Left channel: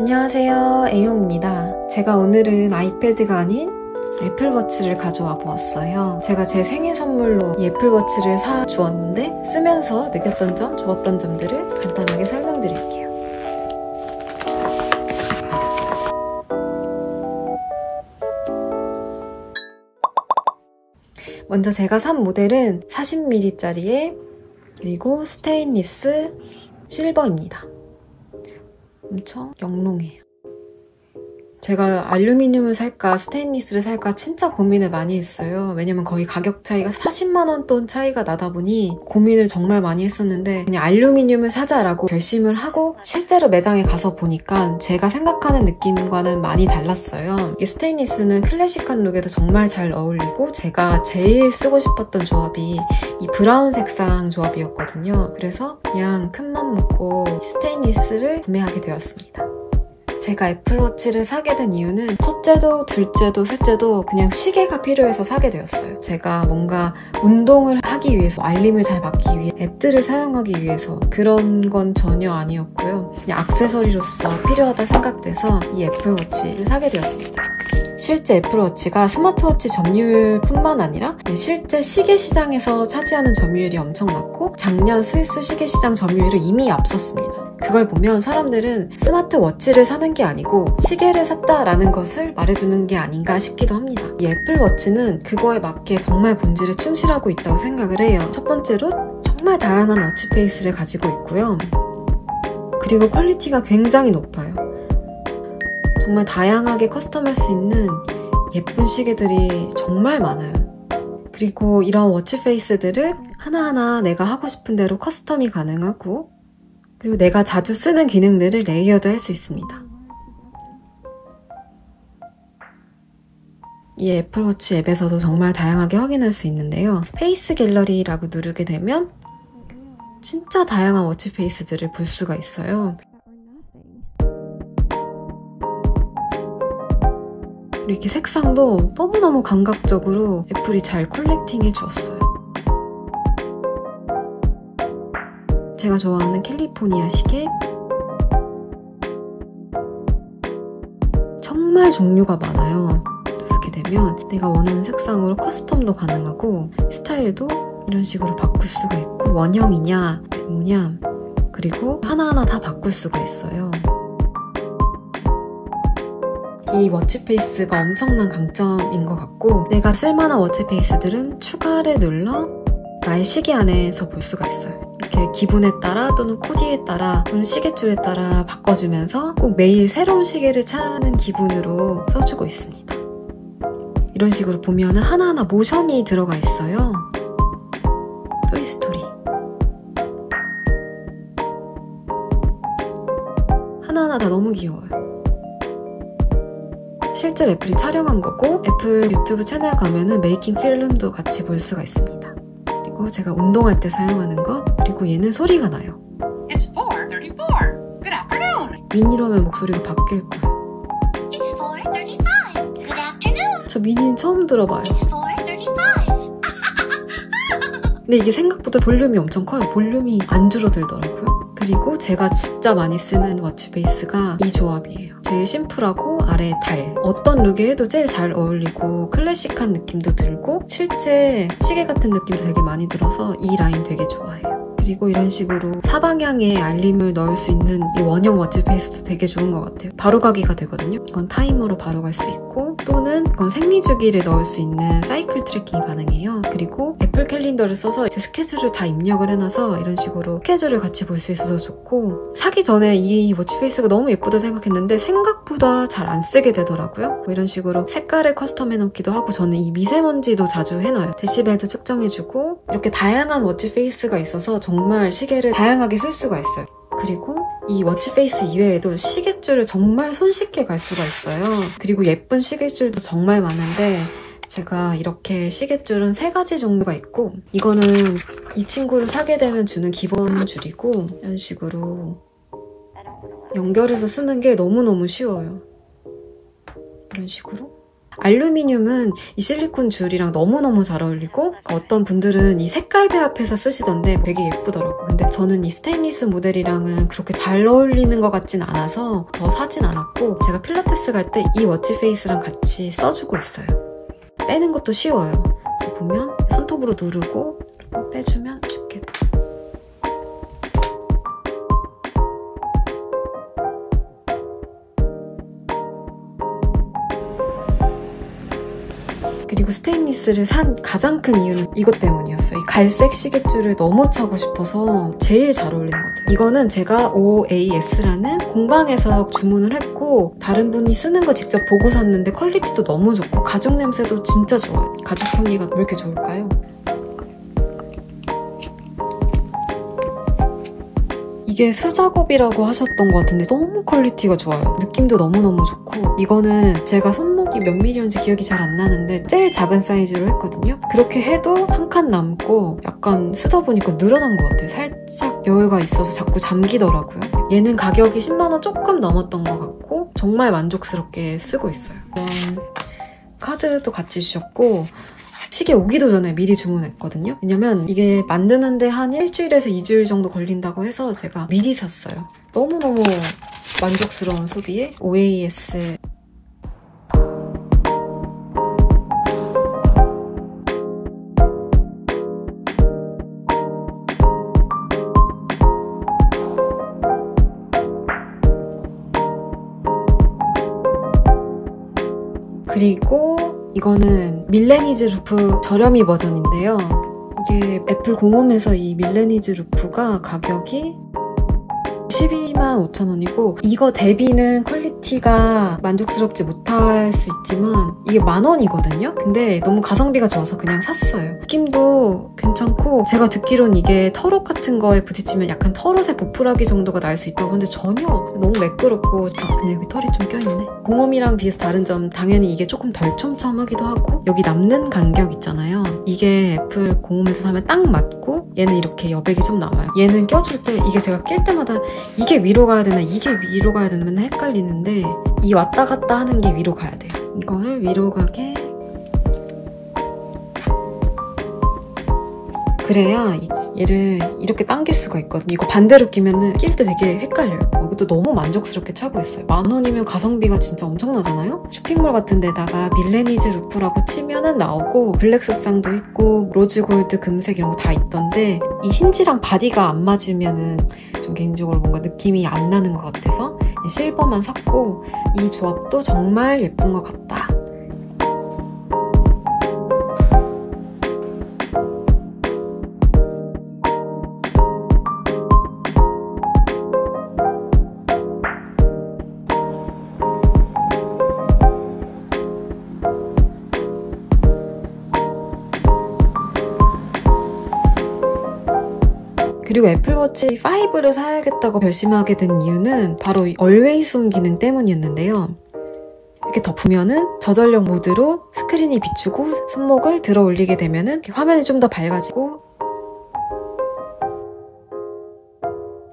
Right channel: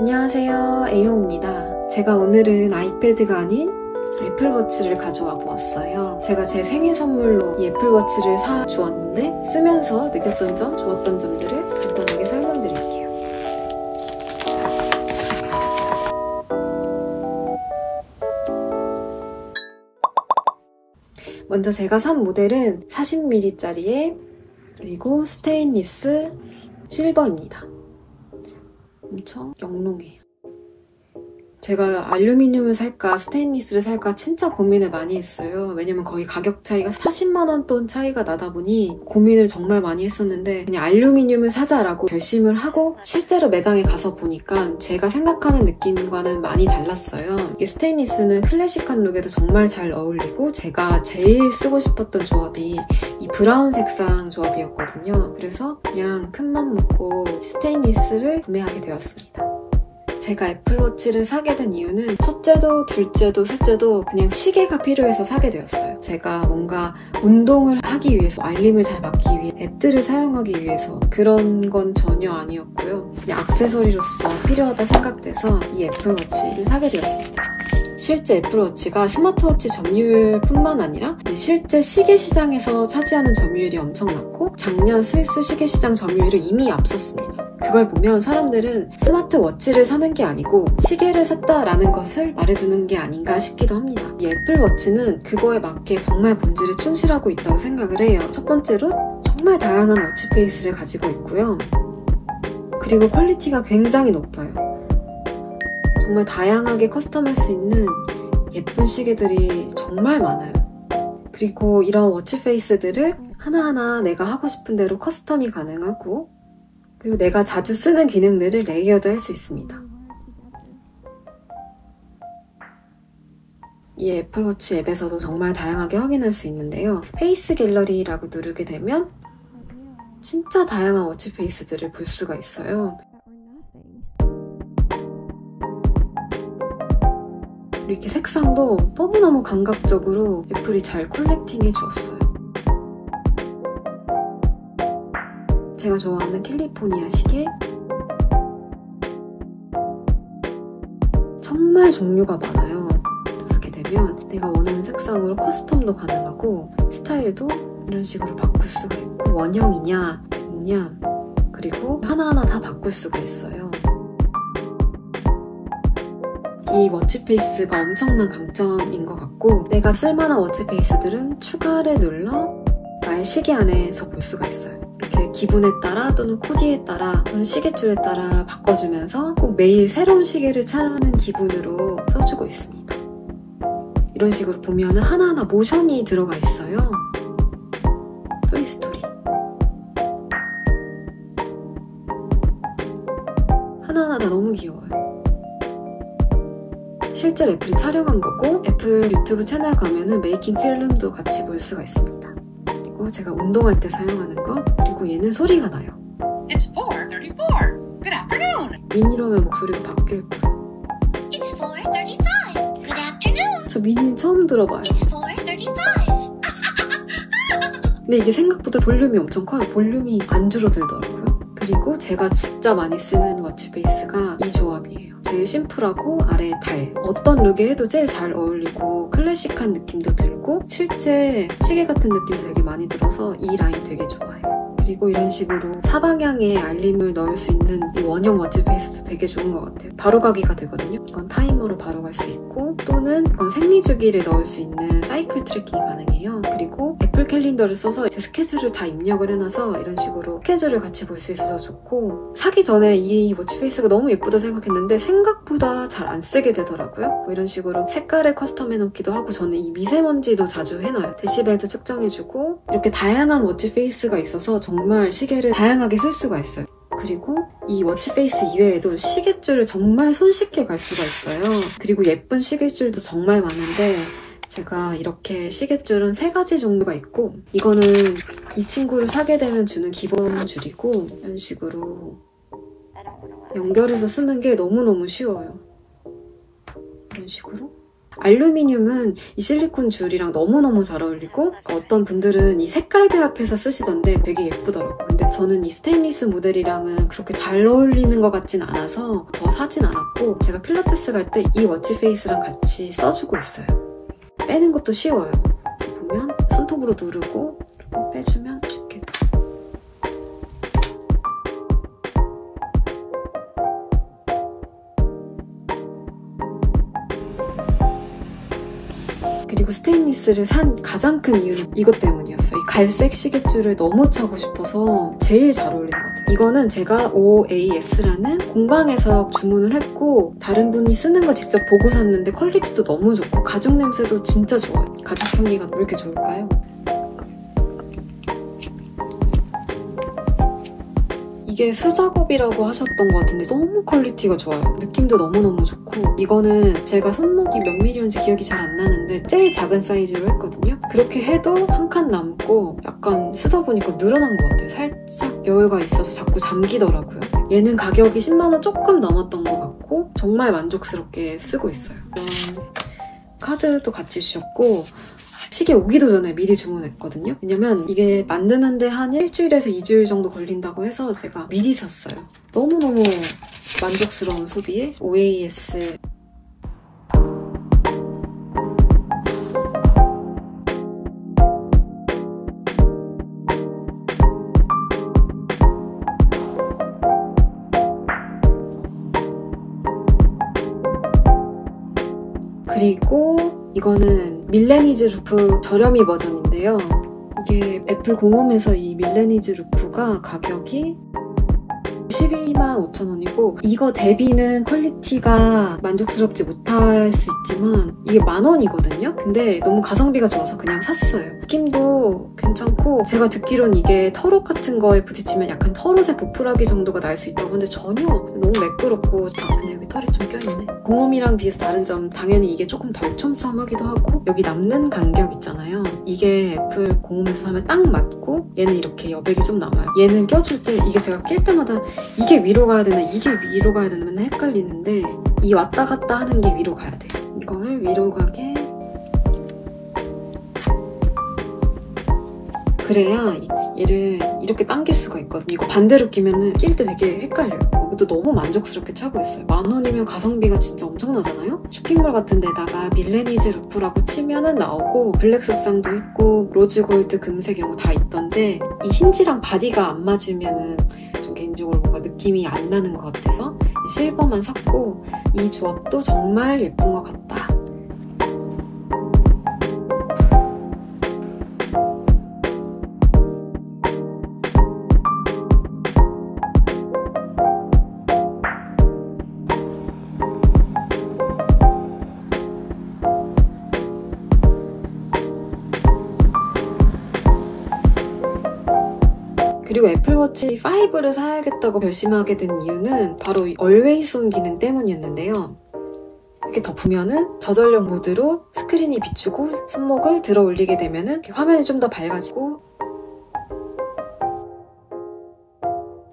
안녕하세요, A용입니다. 제가 오늘은 아이패드가 아닌 애플워치를 가져와 보았어요. 제가 제 생일 선물로 이 애플워치를 사주었는데 쓰면서 느꼈던 점, 좋았던 점들을 간단하게 설명드릴게요. 먼저 제가 산 모델은 40mm짜리에 그리고 스테인리스 실버입니다. 엄청 영롱해요. 제가 알루미늄을 살까 스테인리스를 살까 진짜 고민을 많이 했어요. 왜냐면 거의 가격 차이가 40만원 돈 차이가 나다 보니 고민을 정말 많이 했었는데 그냥 알루미늄을 사자라고 결심을 하고 실제로 매장에 가서 보니까 제가 생각하는 느낌과는 많이 달랐어요. 이게 스테인리스는 클래식한 룩에도 정말 잘 어울리고 제가 제일 쓰고 싶었던 조합이 이 브라운 색상 조합이었거든요. 그래서 그냥 큰맘 먹고 스테인리스를 구매하게 되었습니다. 제가 애플워치를 사게 된 이유는 첫째도 둘째도 셋째도 그냥 시계가 필요해서 사게 되었어요. 제가 뭔가 운동을 하기 위해서 알림을 잘 맞기 위해 앱들을 사용하기 위해서 그런 건 전혀 아니었고요. 그냥 액세서리로서 필요하다 생각돼서 이 애플워치를 사게 되었습니다. 실제 애플워치가 스마트워치 점유율뿐만 아니라 실제 시계 시장에서 차지하는 점유율이 엄청 낮고 작년 스위스 시계 시장 점유율을 이미 앞섰습니다. 그걸 보면 사람들은 스마트워치를 사는 게 아니고 시계를 샀다라는 것을 말해주는 게 아닌가 싶기도 합니다. 이 애플워치는 그거에 맞게 정말 본질에 충실하고 있다고 생각을 해요. 첫 번째로 정말 다양한 워치 페이스를 가지고 있고요. 그리고 퀄리티가 굉장히 높아요. 정말 다양하게 커스텀할 수 있는 예쁜 시계들이 정말 많아요. 그리고 이런 워치 페이스들을 하나하나 내가 하고 싶은 대로 커스텀이 가능하고 그리고 내가 자주 쓰는 기능들을 레이어드 할 수 있습니다. 이 애플워치 앱에서도 정말 다양하게 확인할 수 있는데요. 페이스 갤러리라고 누르게 되면 진짜 다양한 워치 페이스들을 볼 수가 있어요. 이렇게 색상도 너무너무 감각적으로 애플이 잘 컬렉팅해 주었어요. 제가 좋아하는 캘리포니아 시계 정말 종류가 많아요. 누르게 되면 내가 원하는 색상으로 커스텀도 가능하고 스타일도 이런 식으로 바꿀 수가 있고 원형이냐 뭐냐 그리고 하나하나 다 바꿀 수가 있어요. 이 워치 페이스가 엄청난 강점인 것 같고 내가 쓸만한 워치 페이스들은 추가를 눌러 나의 시계 안에서 볼 수가 있어요. 이렇게 기분에 따라 또는 코디에 따라 또는 시계줄에 따라 바꿔주면서 꼭 매일 새로운 시계를 찾는 기분으로 써주고 있습니다. 이런 식으로 보면 하나하나 모션이 들어가 있어요. 토이스토리 하나하나 다 너무 귀여워요. 실제로 애플이 촬영한 거고 애플 유튜브 채널 가면은 메이킹 필름도 같이 볼 수가 있습니다. 그리고 제가 운동할 때 사용하는 것 그리고 얘는 소리가 나요. It's 4:34. Good afternoon. 미니로면 목소리가 바뀔 거예요. It's 4:35. Good afternoon. 저 미니는 처음 들어봐요. It's 4:35. 근데 이게 생각보다 볼륨이 엄청 커요. 볼륨이 안 줄어들더라고요. 그리고 제가 진짜 많이 쓰는 워치 베이스가 이 조합이에요. 제일 심플하고 아래에 달. 어떤 룩에 해도 제일 잘 어울리고 클래식한 느낌도 들고 실제 시계 같은 느낌도 되게 많이 들어서 이 라인 되게 좋아해요. 그리고 이런 식으로 사방향에 알림을 넣을 수 있는 이 원형 워치 페이스도 되게 좋은 것 같아요. 바로 가기가 되거든요. 이건 타이머로 바로 갈 수 있고 또는 이건 생리주기를 넣을 수 있는 사이클 트래킹이 가능해요. 그리고 애플 캘린더를 써서 제 스케줄을 다 입력을 해놔서 이런 식으로 스케줄을 같이 볼 수 있어서 좋고 사기 전에 이 워치 페이스가 너무 예쁘다 생각했는데 생각보다 잘 안 쓰게 되더라고요. 뭐 이런 식으로 색깔을 커스텀 해놓기도 하고 저는 이 미세먼지도 자주 해놔요. 데시벨도 측정해주고 이렇게 다양한 워치 페이스가 있어서 정말 시계를 다양하게 쓸 수가 있어요. 그리고 이 워치 페이스 이외에도 시계줄을 정말 손쉽게 갈 수가 있어요. 그리고 예쁜 시계줄도 정말 많은데 제가 이렇게 시계줄은 3가지 종류가 있고 이거는 이 친구를 사게 되면 주는 기본 줄이고 이런 식으로 연결해서 쓰는 게 너무너무 쉬워요. 이런 식으로 알루미늄은 이 실리콘 줄이랑 너무너무 잘 어울리고 어떤 분들은 이 색깔 배합해서 쓰시던데 되게 예쁘더라고요. 근데 저는 이 스테인리스 모델이랑은 그렇게 잘 어울리는 것 같진 않아서 더 사진 않았고 제가 필라테스 갈 때 이 워치 페이스랑 같이 써주고 있어요. 빼는 것도 쉬워요. 보면 손톱으로 누르고 빼주면 쉽게. 그리고 스테인리스를 산 가장 큰 이유는 이것 때문이었어요. 이 갈색 시계줄을 너무 차고 싶어서 제일 잘 어울리는 것 같아요. 이거는 제가 OAS라는 공방에서 주문을 했고 다른 분이 쓰는 거 직접 보고 샀는데 퀄리티도 너무 좋고 가죽 냄새도 진짜 좋아요. 가죽 향기가 왜 이렇게 좋을까요? 이게 수작업이라고 하셨던 것 같은데 너무 퀄리티가 좋아요. 느낌도 너무너무 좋고 이거는 제가 손목이 몇 밀리였는지 기억이 잘 안 나는데 제일 작은 사이즈로 했거든요. 그렇게 해도 한 칸 남고 약간 쓰다 보니까 늘어난 것 같아요. 살짝 여유가 있어서 자꾸 잠기더라고요. 얘는 가격이 10만원 조금 넘었던 것 같고 정말 만족스럽게 쓰고 있어요. 카드도 같이 주셨고 시계 오기도 전에 미리 주문했거든요. 왜냐면 이게 만드는데 한 일주일에서 2주일 정도 걸린다고 해서 제가 미리 샀어요. 너무너무 만족스러운 소비에 OAS 그리고 이거는 밀레니즈 루프 저렴이 버전인데요. 이게 애플 공홈에서 이 밀레니즈 루프가 가격이 125,000원이고 이거 대비는 퀄리티가 만족스럽지 못할 수 있지만 이게 10,000원이거든요. 근데 너무 가성비가 좋아서 그냥 샀어요. 느낌도 괜찮고 제가 듣기론 이게 털옷 같은 거에 부딪히면 약간 털옷의 보풀하기 정도가 날 수 있다고 하는데 전혀 너무 매끄럽고 그냥 여기 털이 좀 껴있네. 공홈이랑 비해서 다른 점 당연히 이게 조금 덜 촘촘하기도 하고 여기 남는 간격 있잖아요. 이게 애플 공홈에서 사면 딱 맞고 얘는 이렇게 여백이 좀 남아요. 얘는 껴줄 때 이게 제가 낄 때마다 이게 위로 가야 되나 이게 위로 가야 되나 맨날 헷갈리는데 이 왔다 갔다 하는 게 위로 가야 돼요. 이거를 위로 가게 그래야 얘를 이렇게 당길 수가 있거든요. 이거 반대로 끼면은 낄 때 되게 헷갈려요. 이것도 너무 만족스럽게 차고 있어요. 10,000원이면 가성비가 진짜 엄청나잖아요? 쇼핑몰 같은 데다가 밀레니즈 루프라고 치면은 나오고 블랙 색상도 있고 로즈 골드 금색 이런 거 다 있던데 이 힌지랑 바디가 안 맞으면은 좀 개인적으로 뭔가 느낌이 안 나는 것 같아서 실버만 샀고 이 조합도 정말 예쁜 것 같다. 그리고 애플워치 5를 사야겠다고 결심하게 된 이유는 바로 이 Always On 기능 때문이었는데요. 이렇게 덮으면은 저전력 모드로 스크린이 비추고 손목을 들어 올리게 되면은 화면이 좀 더 밝아지고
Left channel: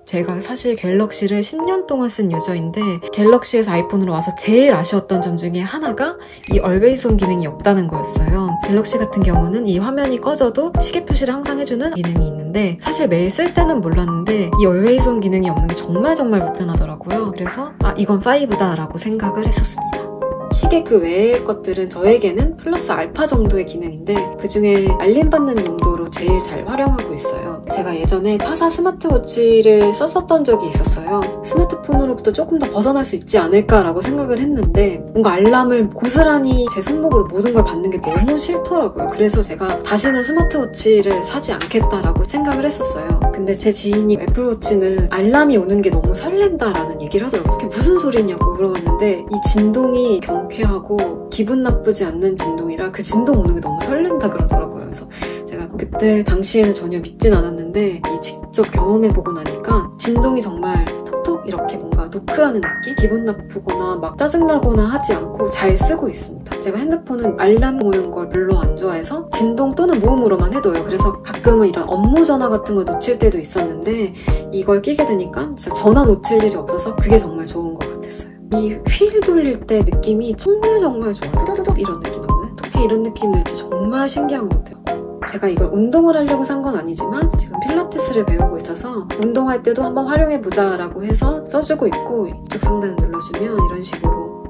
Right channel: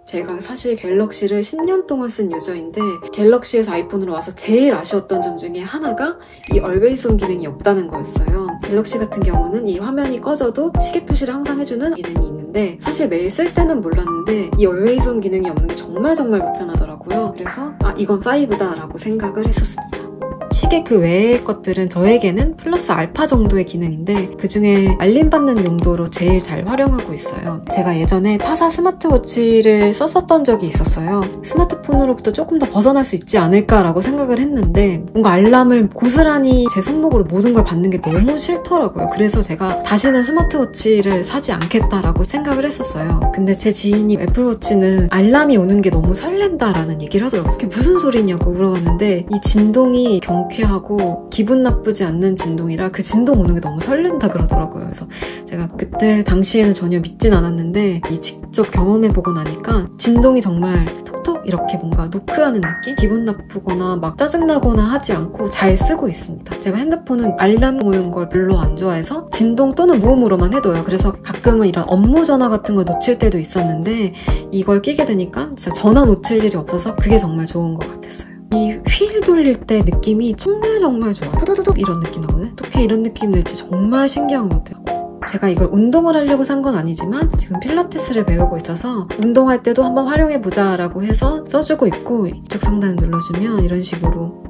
제가 사실 갤럭시를 10년 동안 쓴 유저인데 갤럭시에서 아이폰으로 와서 제일 아쉬웠던 점 중에 하나가 이 Always On 기능이 없다는 거였어요. 갤럭시 같은 경우는 이 화면이 꺼져도 시계 표시를 항상 해주는 기능이 있는데 사실 매일 쓸 때는 몰랐는데 이 Always On 기능이 없는 게 정말 불편하더라고요. 그래서 이건 5다 라고 생각을 했었습니다. 시계 그 외의 것들은 저에게는 플러스 알파 정도의 기능인데 그중에 알림받는 용도로 제일 잘 활용하고 있어요. 제가 예전에 타사 스마트워치를 썼었던 적이 있었어요. 스마트폰으로부터 조금 더 벗어날 수 있지 않을까라고 생각을 했는데 뭔가 알람을 고스란히 제 손목으로 모든 걸 받는 게 너무 싫더라고요. 그래서 제가 다시는 스마트워치를 사지 않겠다라고 생각을 했었어요. 근데 제 지인이 애플워치는 알람이 오는 게 너무 설렌다라는 얘기를 하더라고요. 그게 무슨 소리냐고 물어봤는데 이 진동이 경쾌하고 기분 나쁘지 않는 진동이라 그 진동 오는 게 너무 설렌다 그러더라고요. 그래서 제가 그때 당시에는 전혀 믿진 않았는데 이 직접 경험해보고 나니까 진동이 정말 톡톡 이렇게 뭔가 노크하는 느낌? 기분 나쁘거나 막 짜증나거나 하지 않고 잘 쓰고 있습니다. 제가 핸드폰은 알람 오는 걸 별로 안 좋아해서 진동 또는 무음으로만 해둬요. 그래서 가끔은 이런 업무 전화 같은 거 놓칠 때도 있었는데 이걸 끼게 되니까 진짜 전화 놓칠 일이 없어서 그게 정말 좋은 것 같았어요. 이 휠 돌릴 때 느낌이 정말 좋아. 호도도독 이런 느낌 나거든요. 어떻게 이런 느낌이 날지 정말 신기한 것 같아요. 제가 이걸 운동을 하려고 산 건 아니지만 지금 필라테스를 배우고 있어서 운동할 때도 한번 활용해보자 라고 해서 써주고 있고, 우측 상단 눌러주면 이런 식으로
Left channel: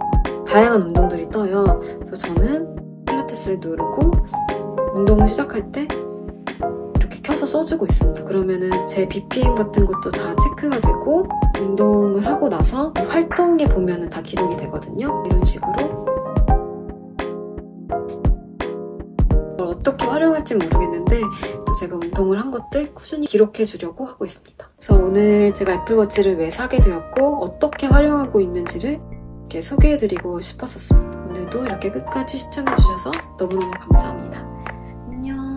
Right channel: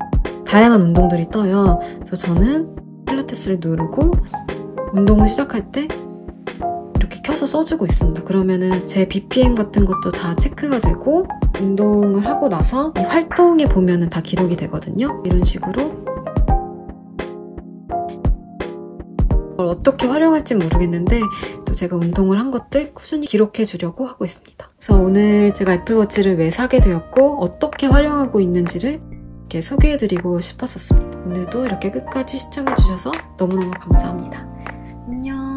다양한 운동들이 떠요. 그래서 저는 필라테스를 누르고 운동을 시작할 때 이렇게 켜서 써주고 있습니다. 그러면은 제 BPM 같은 것도 다 체크가 되고, 운동을 하고 나서 활동해 보면은 다 기록이 되거든요. 이런 식으로. 어떻게 활용할지 모르겠는데 또 제가 운동을 한 것들 꾸준히 기록해 주려고 하고 있습니다. 그래서 오늘 제가 애플워치를 왜 사게 되었고 어떻게 활용하고 있는지를 이렇게 소개해드리고 싶었었습니다. 오늘도 이렇게 끝까지 시청해주셔서 너무너무 감사합니다. 안녕.